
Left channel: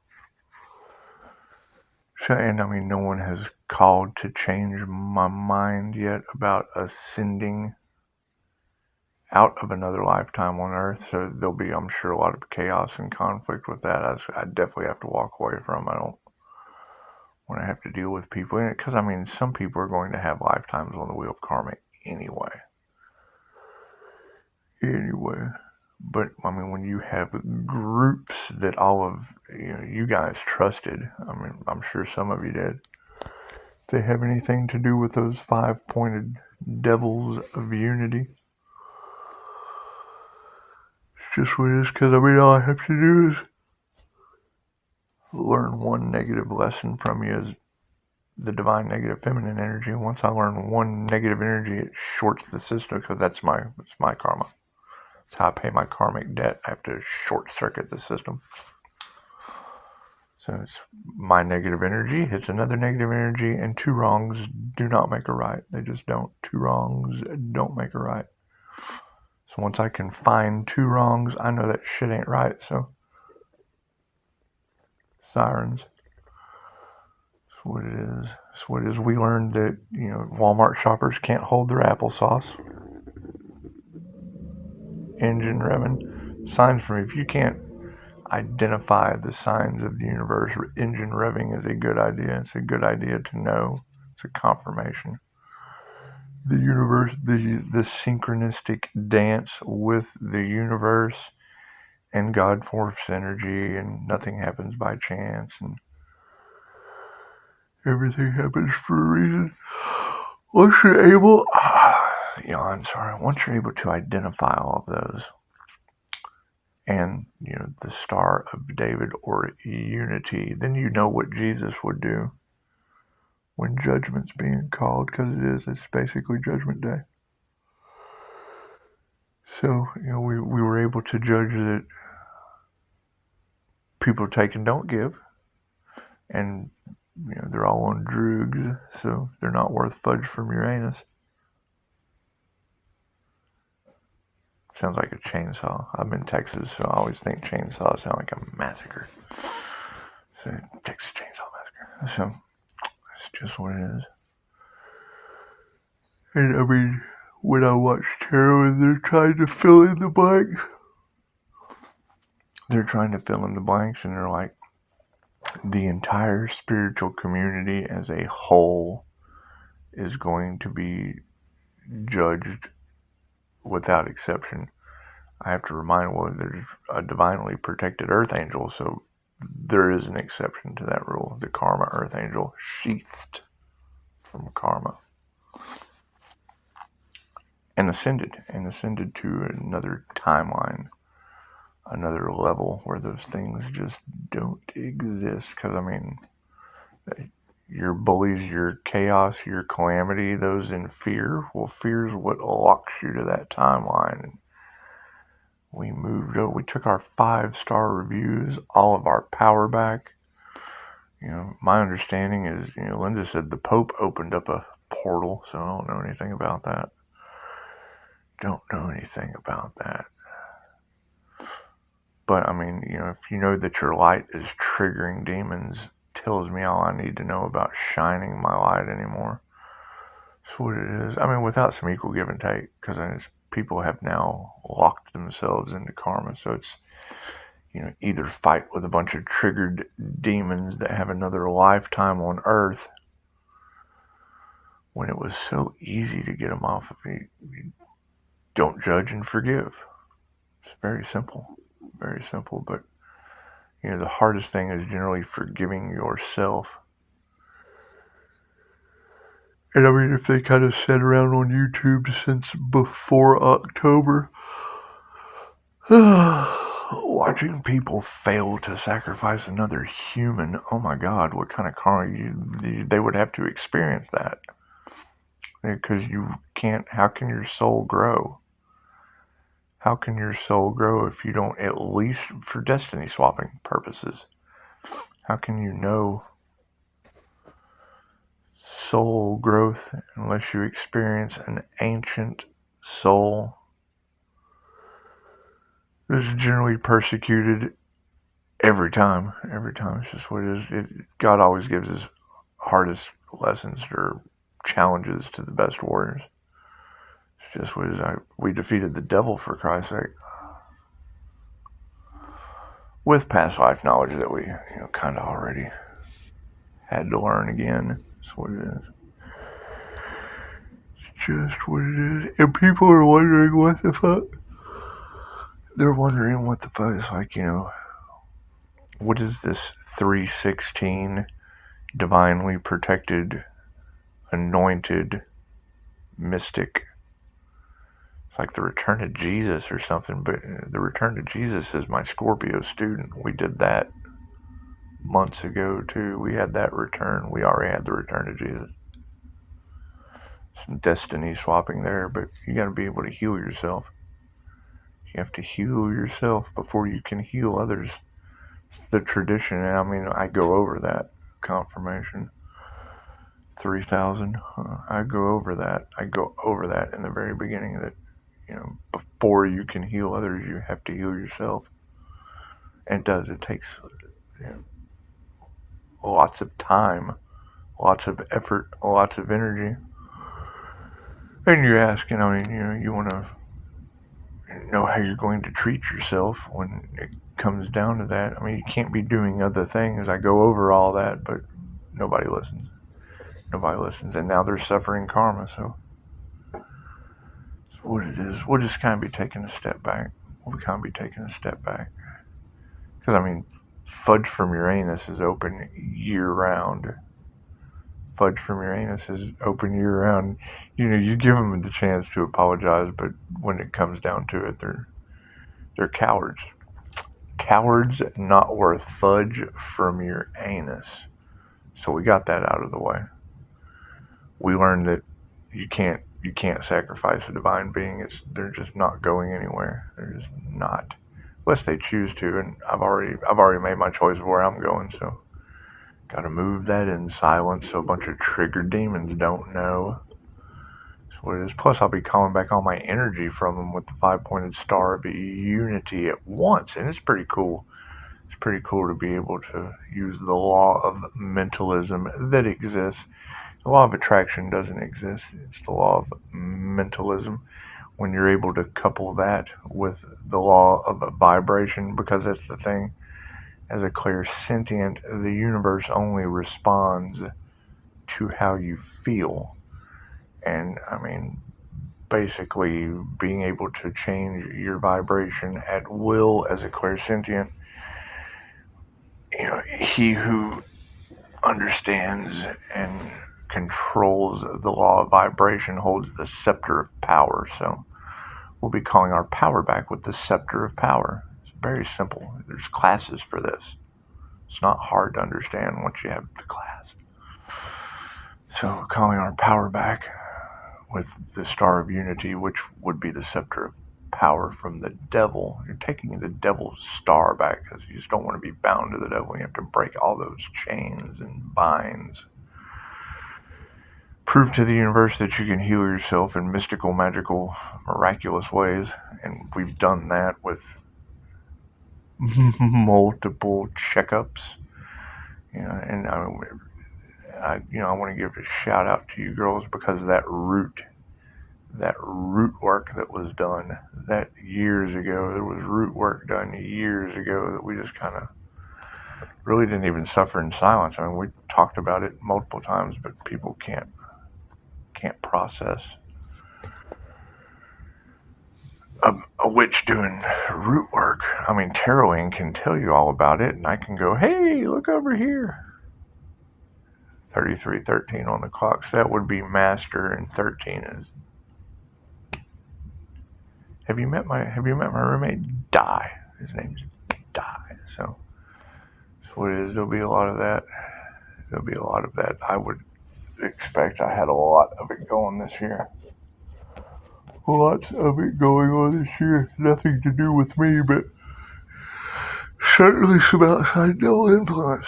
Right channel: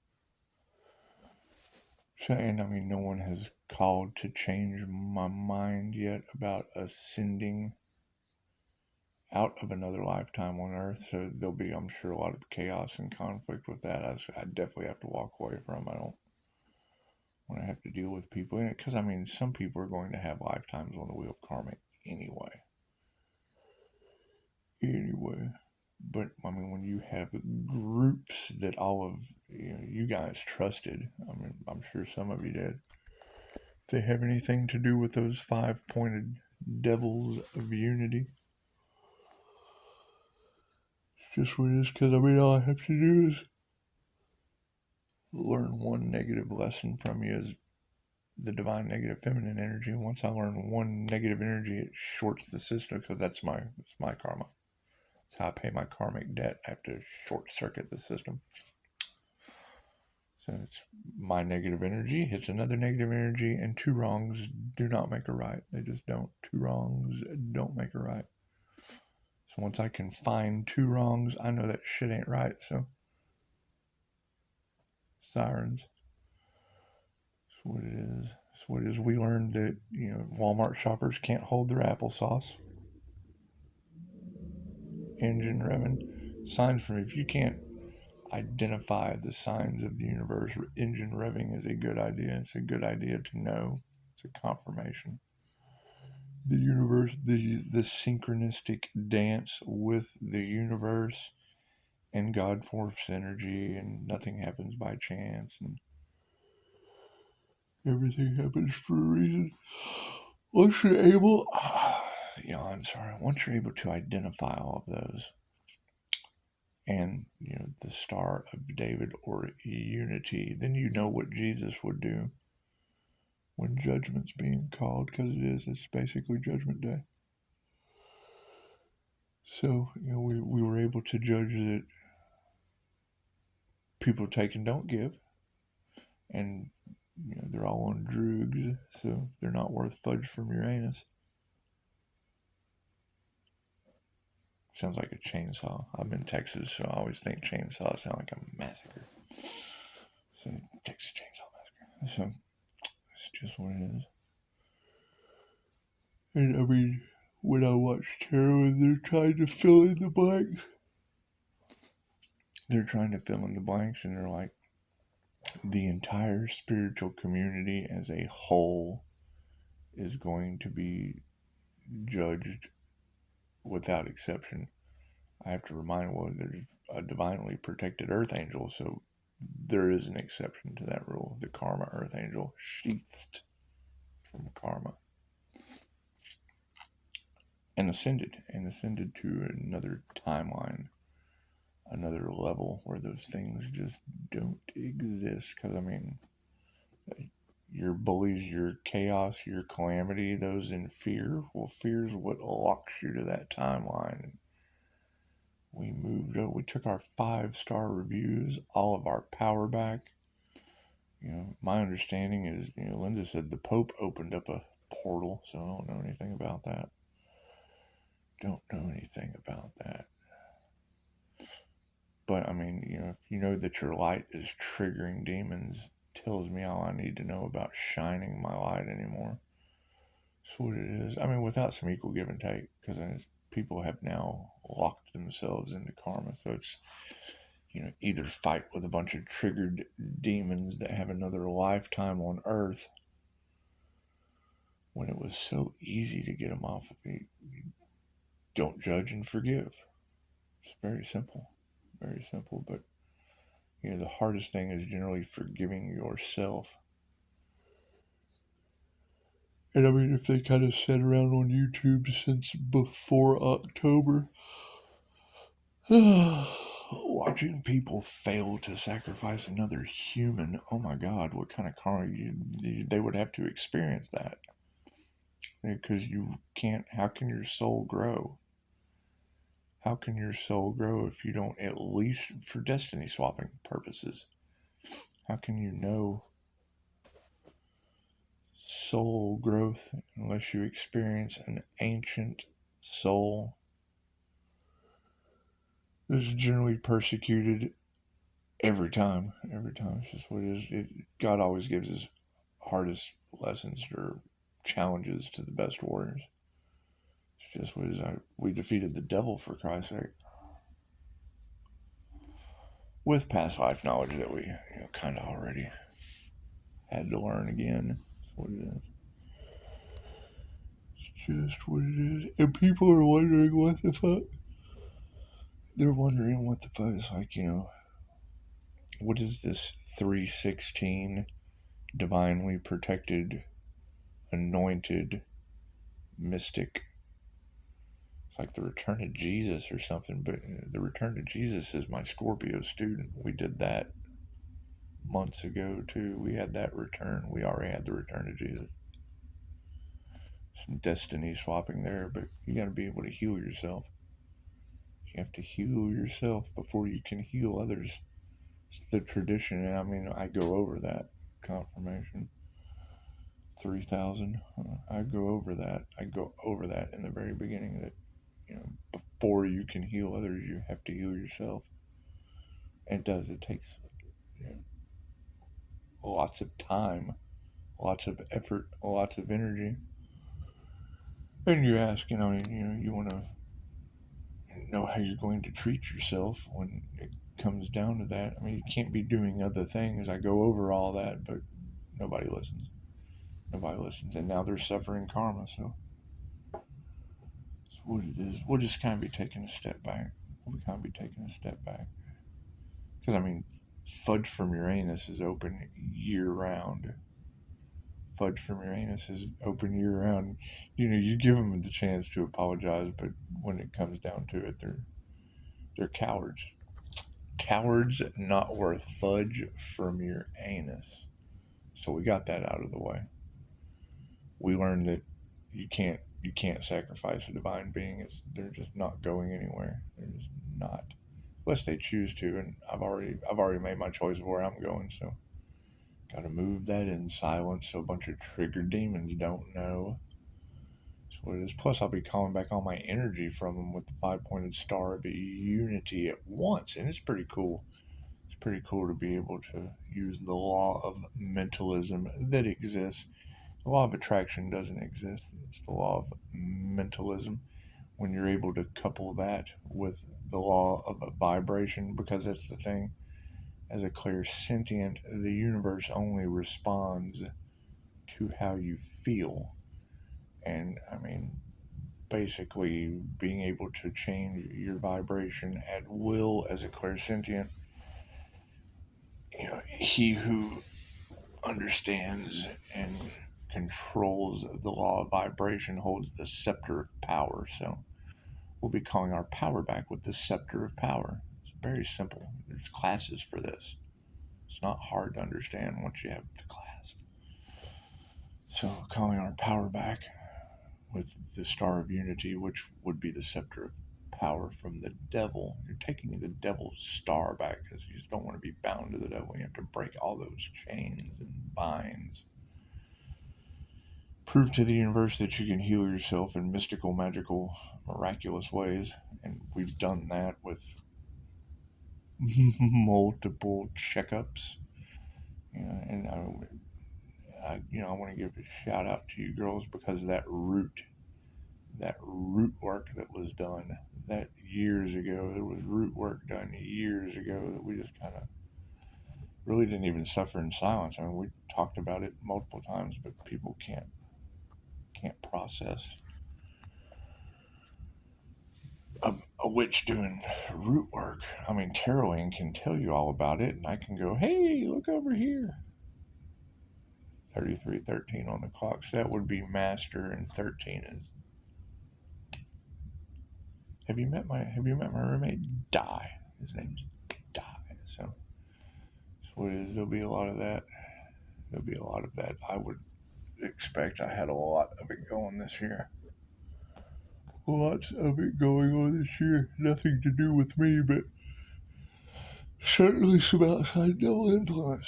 So, and I mean, no one has called to change my mind yet about ascending out of another lifetime on Earth. So there'll be, I'm sure, a lot of chaos and conflict with that. I definitely have to walk away from. I don't want to have to deal with people in it, because I mean, some people are going to have lifetimes on the wheel of karma anyway. But I mean, when you have groups that all of you guys trusted, I mean, I'm sure some of you did, if they have anything to do with those 5-pointed devils of unity, it's just what it is. Because I mean, all I have to do is learn one negative lesson from you, is the divine negative feminine energy. Once I learn one negative energy, it shorts the system because it's my karma. It's how I pay my karmic debt. I have to short circuit the system. So it's my negative energy hits another negative energy, and two wrongs do not make a right. They just don't. Two wrongs don't make a right. So once I can find two wrongs, I know that shit ain't right. So sirens. That's what it is. That's what it is. We learned that, Walmart shoppers can't hold their applesauce. Engine revving. Signs for me. If you can't identify the signs of the universe, engine revving is a good idea. It's a good idea to know. It's a confirmation. The universe, the synchronistic dance with the universe and God force energy, and nothing happens by chance, and everything happens for a reason. Once you're able, once you're able to identify all of those, and the Star of David or unity, then you know what Jesus would do when judgment's being called, because it's basically Judgment Day. So we were able to judge that people take and don't give, and they're all on drugs, so they're not worth fudge from Uranus. Sounds like a chainsaw. I'm in Texas, so I always think chainsaws sound like a massacre. So Texas Chainsaw Massacre. So it's just what it is. And I mean, when I watch tarot and they're trying to fill in the blanks, and they're like, the entire spiritual community as a whole is going to be judged without exception. I have to remind there's a divinely protected earth angel, so there is an exception to that rule. The karma earth angel, sheathed from karma, and ascended to another timeline, another level where those things just don't exist. Because your bullies, your chaos, your calamity, those in fear, well, fear is what locks you to that timeline. And we moved over. We took our 5-star reviews, all of our power back. My understanding is, Linda said the Pope opened up a portal, so I don't know anything about that. But if you know that your light is triggering demons, tells me all I need to know about shining my light anymore. That's what it is. Without some equal give and take, because people have now locked themselves into karma. So it's, either fight with a bunch of triggered demons that have another lifetime on Earth, when it was so easy to get them off of you. Don't judge and forgive. It's very simple, but the hardest thing is generally forgiving yourself. And if they kind of sat around on YouTube since before October, watching people fail to sacrifice another human, oh my God, what kind of karma they would have to experience that. Because you can't, how can your soul grow? How can your soul grow if you don't, at least for destiny swapping purposes, how can you know soul growth unless you experience an ancient soul that's generally persecuted every time? It's just what it is. God always gives his hardest lessons or challenges to the best warriors. It's just what it is. We defeated the devil, for Christ's sake, with past life knowledge that we kind of already had to learn again. That's what it is. It's just what it is. And people are wondering what the fuck. They're wondering what the fuck. It's like, what is this 316 divinely protected, anointed, mystic? It's like the return of Jesus or something, but the return of Jesus is my Scorpio student. We did that months ago too. We had that return. We already had the return of Jesus. Some destiny swapping there, but you got to be able to heal yourself. You have to heal yourself before you can heal others. It's the tradition, and I mean, I go over that confirmation. 3,000. I go over that. I go over that in the very beginning that, before you can heal others, you have to heal yourself. And it does. It takes lots of time, lots of effort, lots of energy. And you're asking, you want to know how you're going to treat yourself when it comes down to that. I mean, you can't be doing other things. I go over all that, but nobody listens. Nobody listens. And now they're suffering karma, so that's what it is. We'll just kind of be taking a step back. Because, I mean, Fudge from Uranus is open year-round. Fudge from Uranus is open year-round. You give them the chance to apologize, but when it comes down to it, they're cowards. Cowards not worth fudge from your anus. So we got that out of the way. We learned that you can't sacrifice a divine being. They're just not going anywhere. They're just not, unless they choose to. And I've already made my choice of where I'm going. So got to move that in silence so a bunch of triggered demons don't know. That's what it is. Plus, I'll be calling back all my energy from them with the 5-pointed star of unity at once, and it's pretty cool. It's pretty cool to be able to use the law of mentalism that exists. The law of attraction doesn't exist. It's the law of mentalism. When you're able to couple that with the law of vibration, because that's the thing. As a clairsentient, the universe only responds to how you feel. And, I mean, basically being able to change your vibration at will as a clairsentient, he who understands and controls the law of vibration holds the scepter of power. So we'll be calling our power back with the scepter of power. It's very simple. There's classes for this. It's not hard to understand once you have the class. So calling our power back with the star of unity, which would be the scepter of power from the devil. You're taking the devil's star back because you just don't want to be bound to the devil. You have to break all those chains and binds. Prove to the universe that you can heal yourself in mystical, magical, miraculous ways. And we've done that with multiple checkups. And I want to give a shout out to you girls because of that root work that was done that years ago. There was root work done years ago that we just kind of really didn't even suffer in silence. I mean, we talked about it multiple times, but people can't process a witch doing root work. I mean, taroting can tell you all about it, and I can go, hey, look over here. 3313 on the clock. So that would be master, and 13 is. Have you met my roommate? Die. His name's Die. So that's what it is. There'll be a lot of that. I would expect. I had a lot of it going this year. Lots of it going on this year. Nothing to do with me, but certainly some outside devil influence.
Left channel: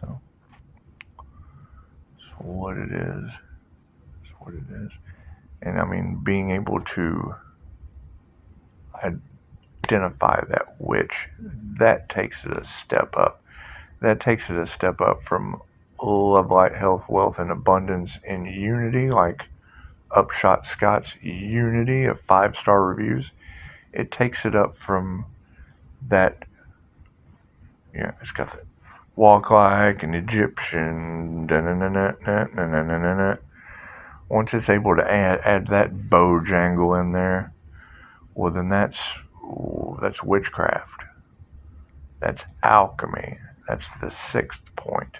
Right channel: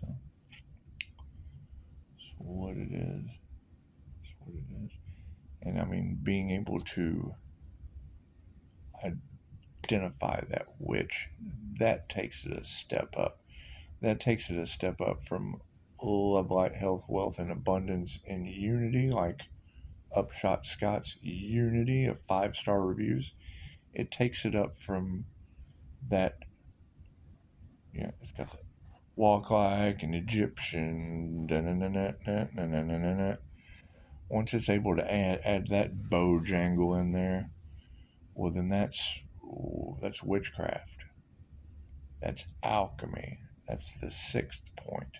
So that's what it is. And I mean, being able to identify that witch, that takes it a step up. That takes it a step up from love, light, health, wealth, and abundance in unity, like Upshotscott's Unity of 5-star reviews. It takes it up from that, it's got the walk like an Egyptian, once it's able to add that bojangle in there, well then that's witchcraft. That's alchemy. That's the 6th point.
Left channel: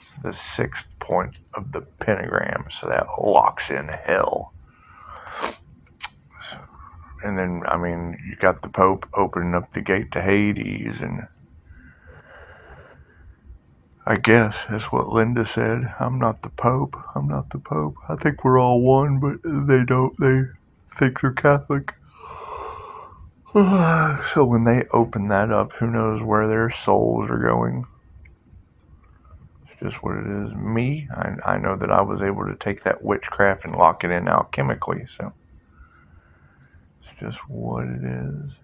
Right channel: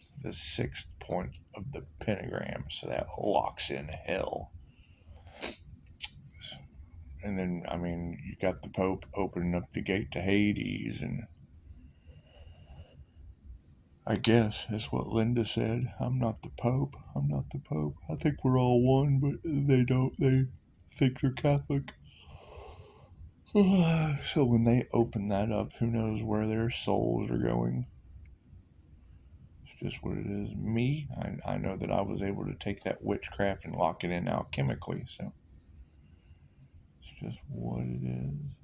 It's the 6th point of the pentagram, so that locks in hell. and then, I mean, you got the Pope opening up the gate to Hades, and I guess that's what Linda said. I'm not the Pope. I'm not the Pope. I think we're all one, but they don't. They think they're Catholic. So when they open that up, who knows where their souls are going? It's just what it is. Me, I know that I was able to take that witchcraft and lock it in alchemically, so it's just what it is.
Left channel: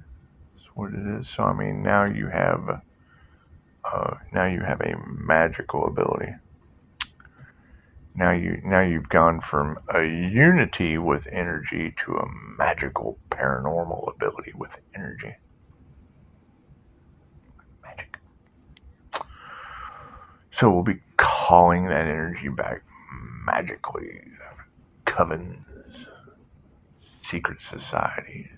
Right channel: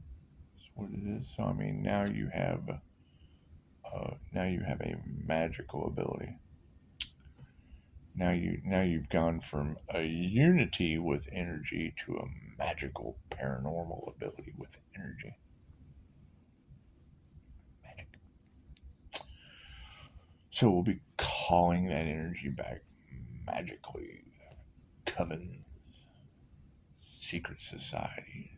It's what it is. So I mean, now you have a magical ability. Now you've gone from a unity with energy to a magical paranormal ability with energy. Magic. So we'll be calling that energy back magically. Covens, secret societies.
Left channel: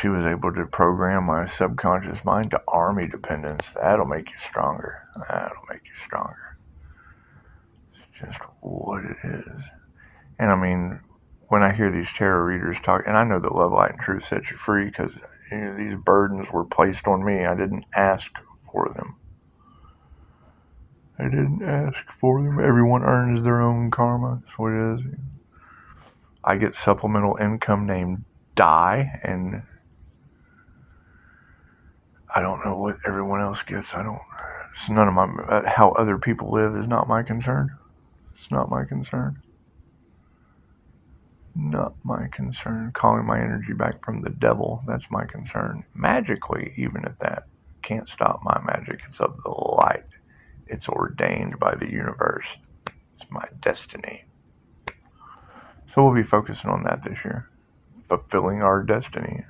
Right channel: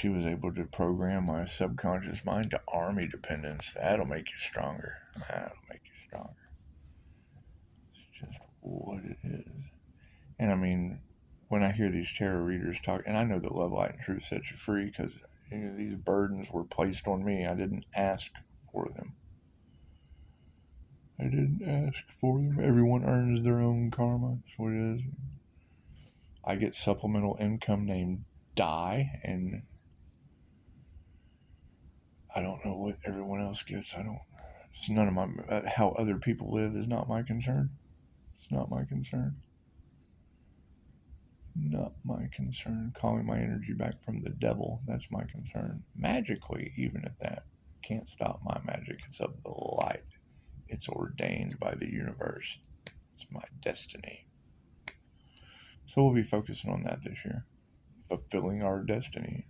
She was able to program my subconscious mind to army dependence. That'll make you stronger. That'll make you stronger. It's just what it is. And I mean, when I hear these tarot readers talk, and I know that Love, Light, and Truth sets you free because these burdens were placed on me. I didn't ask for them. I didn't ask for them. Everyone earns their own karma. That's what it is. I get supplemental income named Die, and I don't know what everyone else gets. It's none of my, how other people live is not my concern. It's not my concern. Not my concern. Calling my energy back from the devil, that's my concern. Magically, even at that, can't stop my magic. It's of the light. It's ordained by the universe. It's my destiny. So we'll be focusing on that this year. Fulfilling our destiny.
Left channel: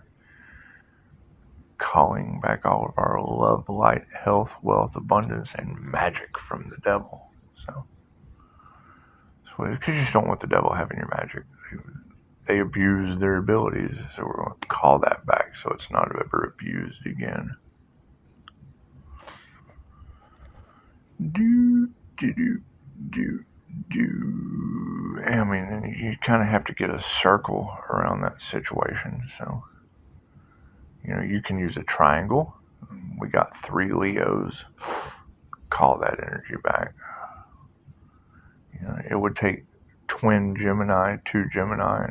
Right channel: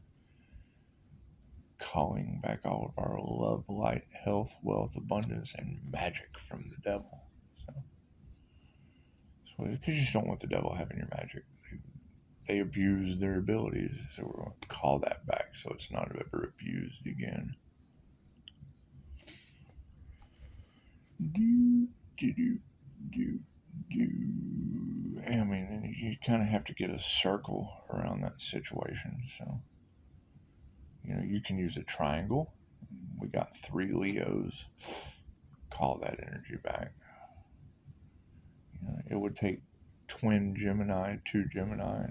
Calling back all of our love, light, health, wealth, abundance, and magic from the devil. So, because you just don't want the devil having your magic. They abuse their abilities, so we're going to call that back so it's not ever abused again. I mean, you kind of have to get a circle around that situation. So, you can use a triangle. We got 3 Leos. Call that energy back. It would take twin Gemini, 2 Gemini.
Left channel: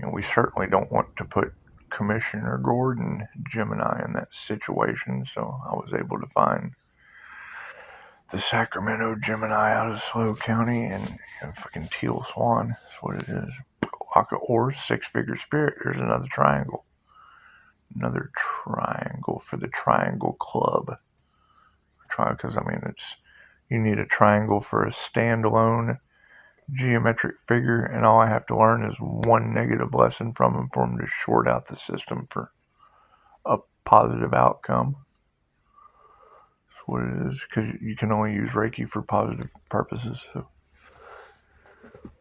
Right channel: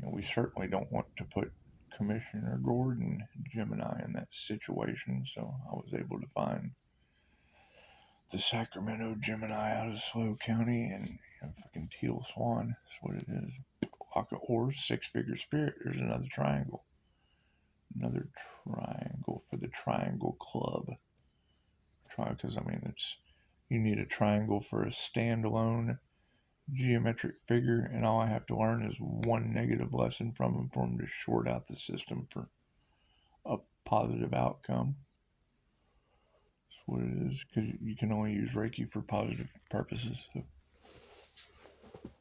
And, we certainly don't want to put Commissioner Gordon Gemini in that situation. So I was able to find the Sacramento Gemini out of SLO County and fucking Teal Swan. That's what it is. Or 6-figure spirit. There's another triangle. Another triangle for the Triangle Club. Because, I mean, you need a triangle for a standalone geometric figure, and all I have to learn is 1 negative lesson from them for them to short out the system for a positive outcome. That's what it is, because you can only use Reiki for positive purposes. So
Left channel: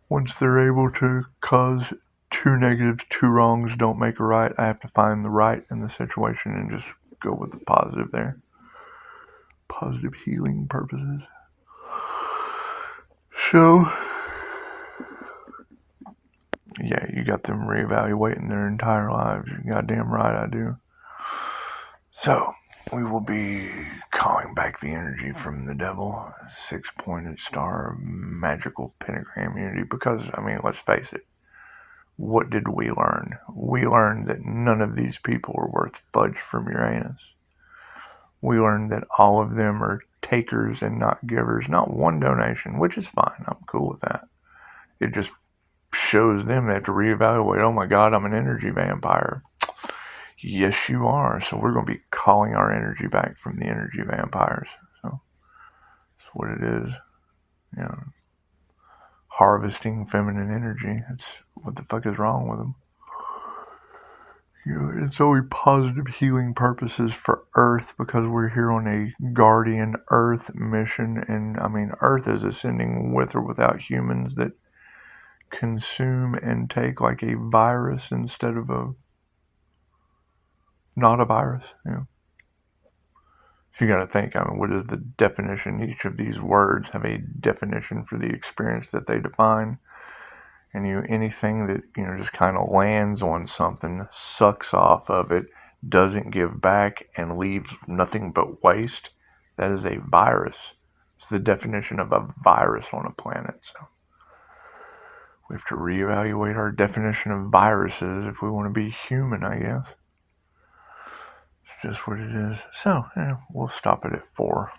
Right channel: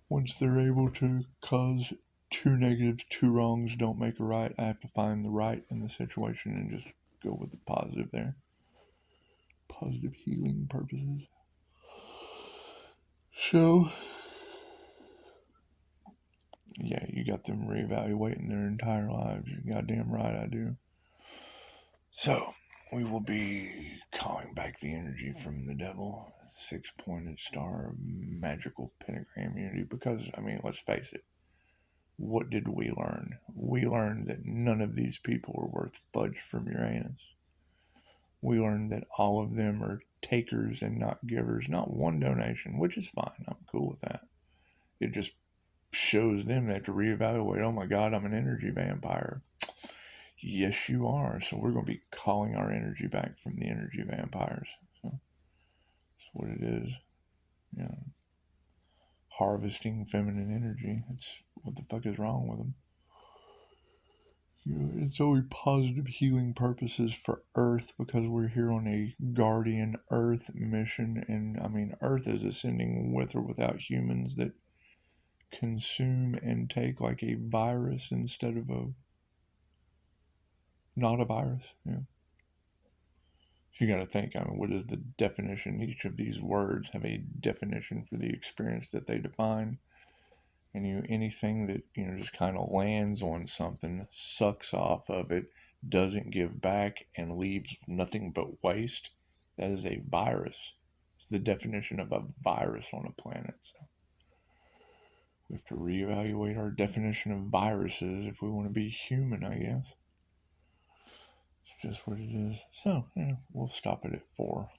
once they're able to cause 2 negatives, 2 wrongs don't make a right, I have to find the right in the situation and just go with the positive there. Positive healing purposes. So, yeah, you got them reevaluating their entire lives. You're goddamn right I do. So, we will be calling back the energy from the devil. 6-pointed star, magical pentagram unity. Because, I mean, let's face it. What did we learn? We learned that none of these people are worth fudge from Uranus. We learned that all of them are takers and not givers. Not one donation, which is fine. I'm cool with that. It just shows them they have to reevaluate. Oh my God, I'm an energy vampire. Yes, you are. So we're going to be calling our energy back from the energy vampires. So that's what it is. Harvesting feminine energy. That's what the fuck is wrong with them. It's only positive healing purposes for Earth because we're here on a guardian Earth mission. And I mean, Earth is ascending with or without humans that consume and take like a virus instead of not a virus. So you got to think, I mean, what is the definition? Each of these words have a definition for the experience that they define. And anything that, just kind of lands on something, sucks off of it, doesn't give back, and leaves nothing but waste, that is a virus. It's the definition of a virus on a planet. So we have to reevaluate our definition of viruses if we want to be human, I guess. It's just what it is. So, we'll stop it at 4.